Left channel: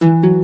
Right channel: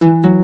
thank mm -hmm. you